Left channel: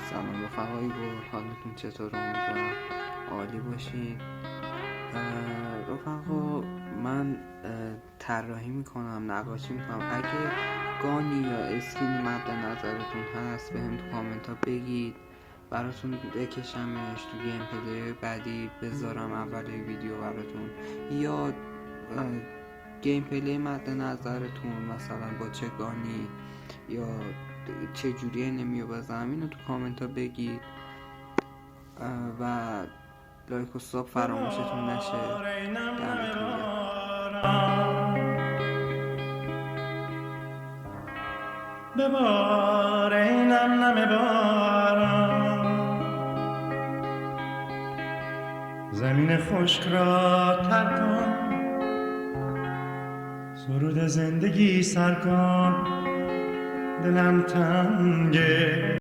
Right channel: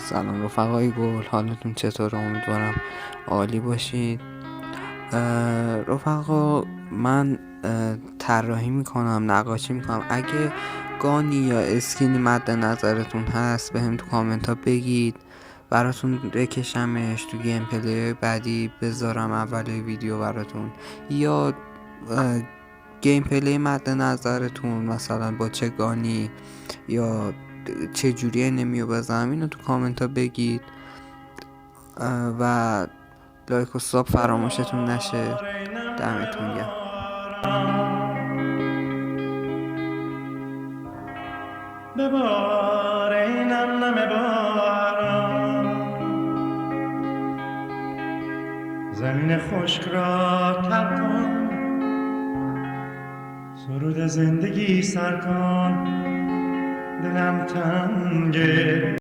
سلام رفقای گل، حالتون چطور؟ امیدوارم عالی باشید. رفقا، من طراحی میکنم، نقاشی میکنم. اگه گانی یا اسکینی مد نظرتون هست به هم تو کامنت ها بگید، براتون بکشمش تو گیم پلی بعدی بذارم اول ویدیو براتون. یا گیم پلی مد نظرتون مثلا با چه گانی یا چه جوری نمیو بزنم، اینو تو کامنت ها بگید و لایک و ساب فراموشتون نشه. دمتون گرم. ببار ای نم نم باران، زمین خشک را تر کن، سرود زندگی سر کن، دلم تنگه.